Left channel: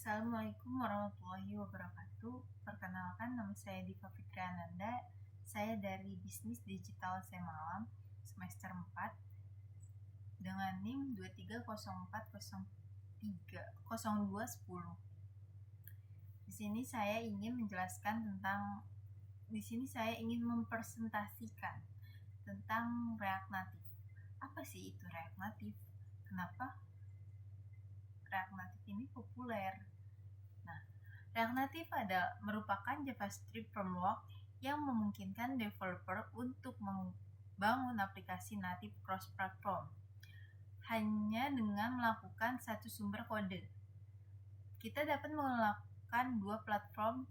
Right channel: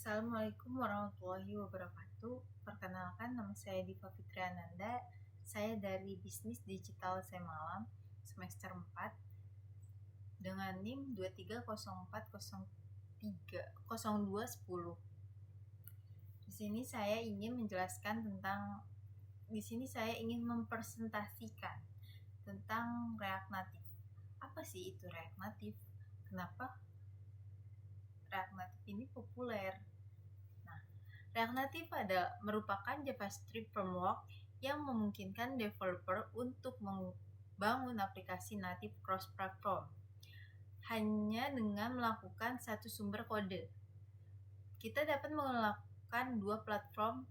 Assalamualaikum warahmatullahi wabarakatuh. Perkenalkan, nama saya Diva Fitriananda. Saya dari Bisnis Digital Semalam semester 4 dengan NIM 2304030210. Di sini saya ingin mempresentasikan tentang React Native. Apa sih itu React Native? Kenapa React Native ini populer? React Native merupakan JavaScript framework yang memungkinkan developer untuk membangun aplikasi native cross-platform hanya dengan melakukan satu sumber kode. Kita dapat melakukan dua platform,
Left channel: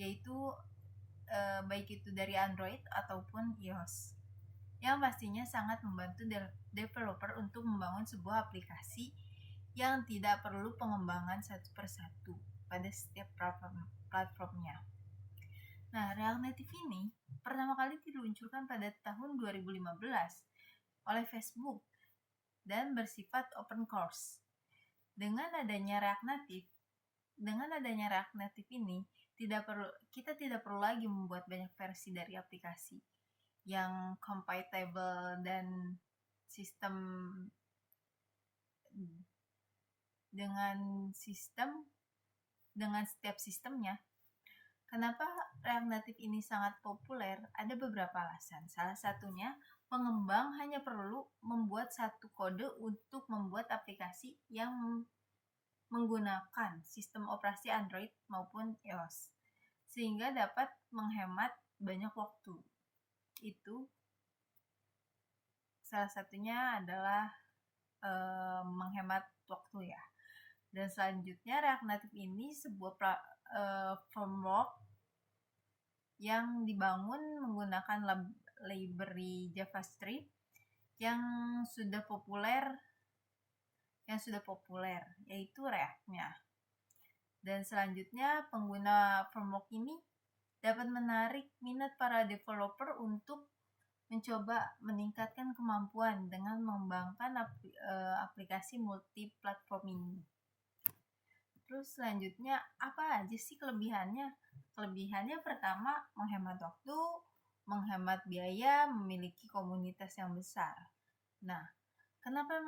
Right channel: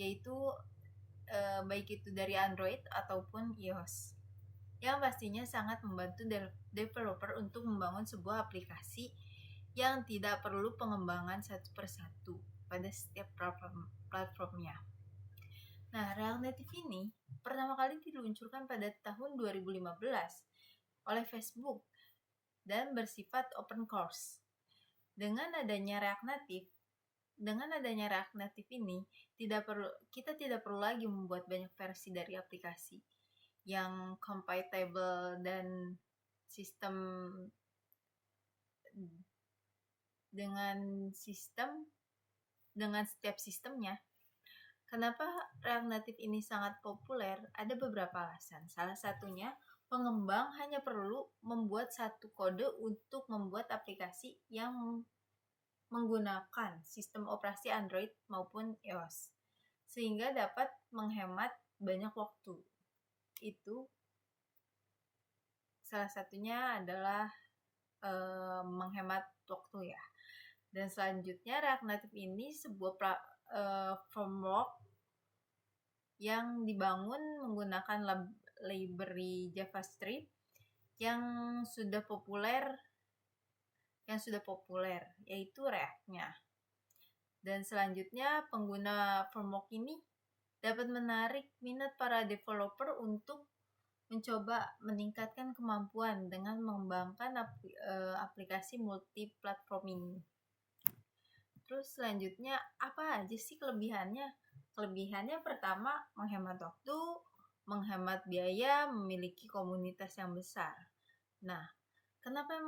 yaitu baik itu dari Android ataupun iOS, yang pastinya sangat membantu developer untuk membangun sebuah aplikasi yang tidak perlu pengembangan satu persatu pada setiap platformnya. Nah, React Native ini pertama kali diluncurkan pada tahun 2015 oleh Facebook dan bersifat open source. Dengan adanya React Native ini, kita tidak perlu lagi membuat banyak versi dari aplikasi yang compatible dan dengan setiap sistemnya. Kenapa React Native ini sangat populer? Ada beberapa alasan. Salah satunya, pengembang hanya perlu membuat satu kode untuk membuat aplikasi yang menggunakan sistem operasi Android maupun iOS, sehingga dapat menghemat banyak waktu. Itu salah satunya adalah menghemat waktu ya. Dan selanjutnya, React Native ini sebuah framework yang dibangun menggunakan library JavaScript yang sudah populer, yaitu React-nya. Dan selanjutnya, pengguna framework ini dapat menarik minat para developer untuk mencoba meningkatkan kemampuan dengan mengembangkan aplikasi multi-platform ini. Terus selanjutnya, apa aja sih kelebihannya? Kelebihannya pertama, menghemat waktu, menghemat biaya, memiliki komunitas yang besar. Nah, kenapa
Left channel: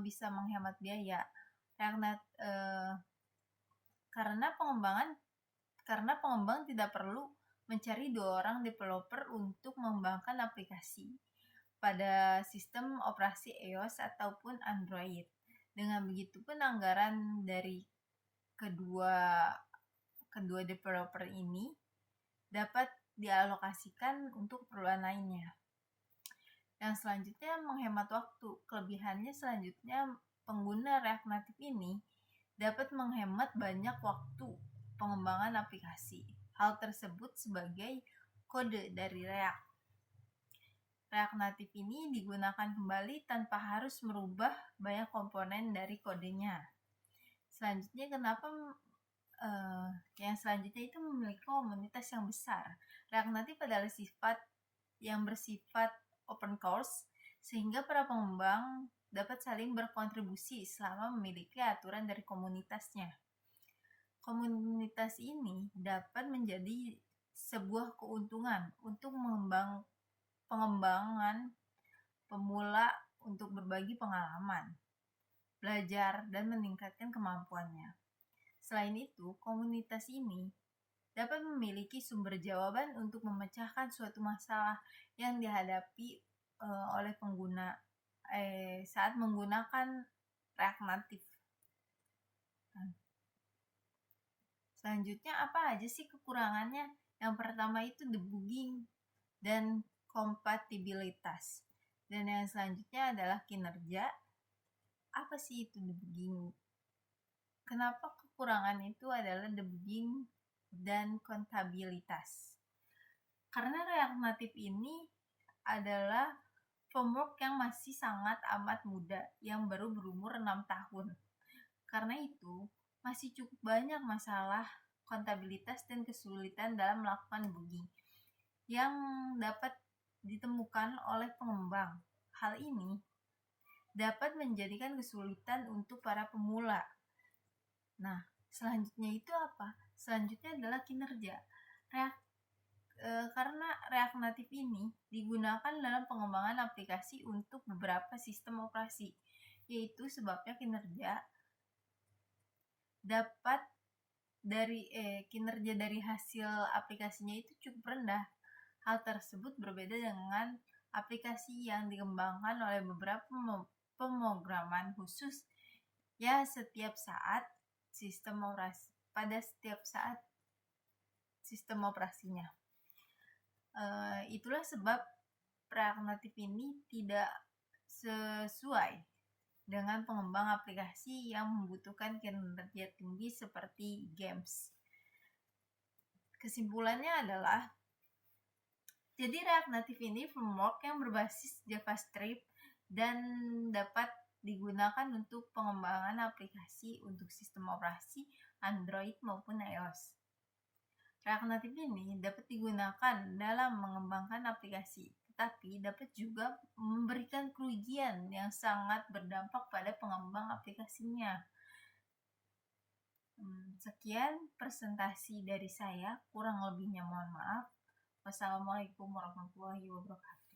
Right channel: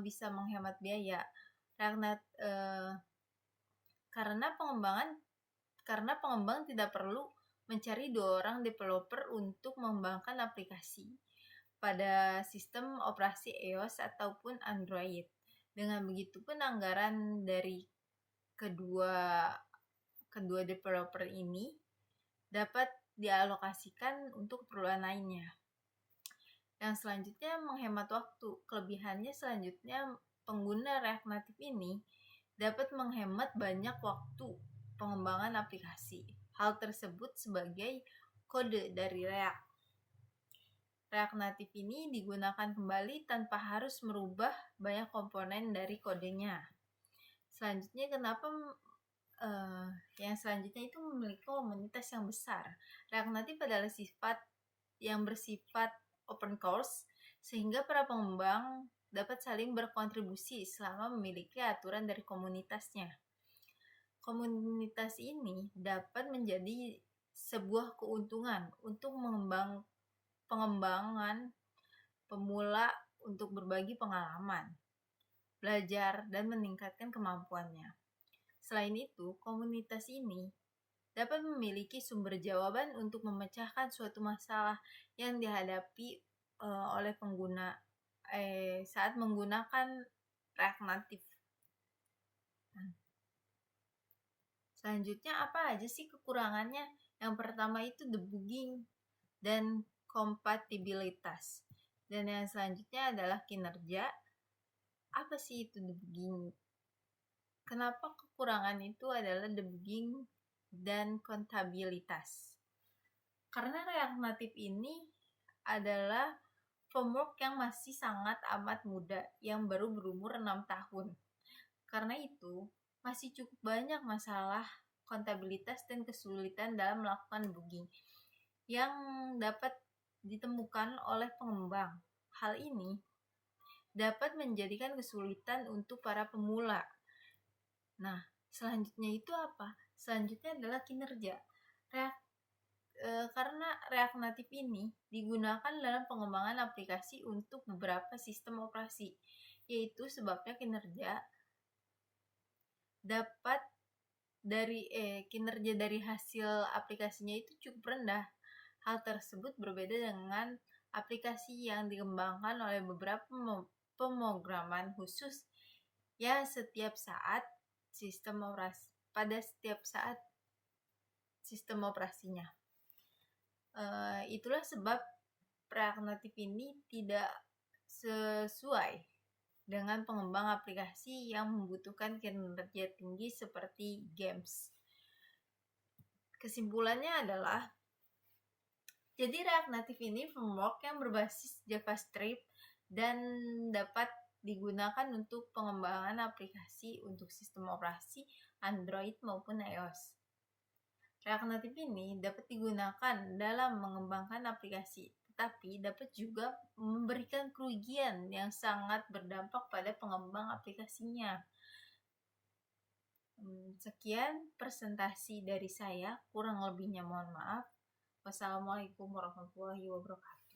bisa menghemat biaya? Karena pengembang tidak perlu mencari 2 orang developer untuk mengembangkan aplikasi pada sistem operasi iOS ataupun Android. Dengan begitu pun anggaran dari kedua developer ini dapat dialokasikan untuk keperluan lainnya. Yang selanjutnya, menghemat waktu. Kelebihannya selanjutnya, pengguna React Native ini dapat menghemat banyak waktu pengembangan aplikasi. Hal tersebut sebagai kode dari React. React Native ini digunakan kembali tanpa harus merubah banyak komponen dari kodenya. Selanjutnya, yang selanjutnya itu memiliki komunitas yang besar. React Native adalah yang bersifat open source, sehingga para pengembang dapat saling berkontribusi selama memiliki aturan dari komunitasnya. Komunitas ini dapat menjadi sebuah keuntungan untuk pengembangan pemula untuk berbagi pengalaman, belajar, dan meningkatkan kemampuannya. Selain itu, komunitas ini dapat memiliki sumber jawaban untuk memecahkan suatu masalah yang dihadapi oleh pengguna saat menggunakan React Native. Selanjutnya, apa aja sih kekurangannya? Yang pertama itu debugging dan kompatibilitas. Dan yang selanjutnya adalah kinerja. Apa sih itu debugging? Kenapa kekurangan itu adalah debugging dan kontabilitas? Karena React Native ini adalah framework yang masih sangat amat muda, yang baru berumur 6 tahun. Karena itu, masih cukup banyak masalah kontabilitas dan kesulitan dalam melakukan debugging yang dapat ditemukan oleh pengembang. Hal ini dapat menjadikan kesulitan untuk para pemula. Nah, Selanjutnya itu apa? Selanjutnya adalah kinerja. Karena React Native ini digunakan dalam pengembangan aplikasi untuk beberapa sistem operasi, yaitu sebabnya kinerja dari hasil aplikasinya itu cukup rendah. Hal tersebut berbeda dengan aplikasi yang dikembangkan oleh beberapa pemrograman khusus ya pada setiap saat sistem operasinya. Itulah sebab React Native ini tidak sesuai dengan pengembang aplikasi yang membutuhkan kinerja tinggi seperti games. Kesimpulannya adalah, jadi React Native ini framework yang berbasis JavaScript dan dapat digunakan untuk pengembangan aplikasi untuk sistem operasi Android maupun iOS. React Native ini dapat digunakan dalam mengembangkan aplikasi, tetapi dapat juga memberikan kerugian yang sangat berdampak pada pengembang aplikasinya. Sekian presentasi dari saya, kurang lebihnya mohon maaf. Wassalamualaikum warahmatullahi wabarakatuh.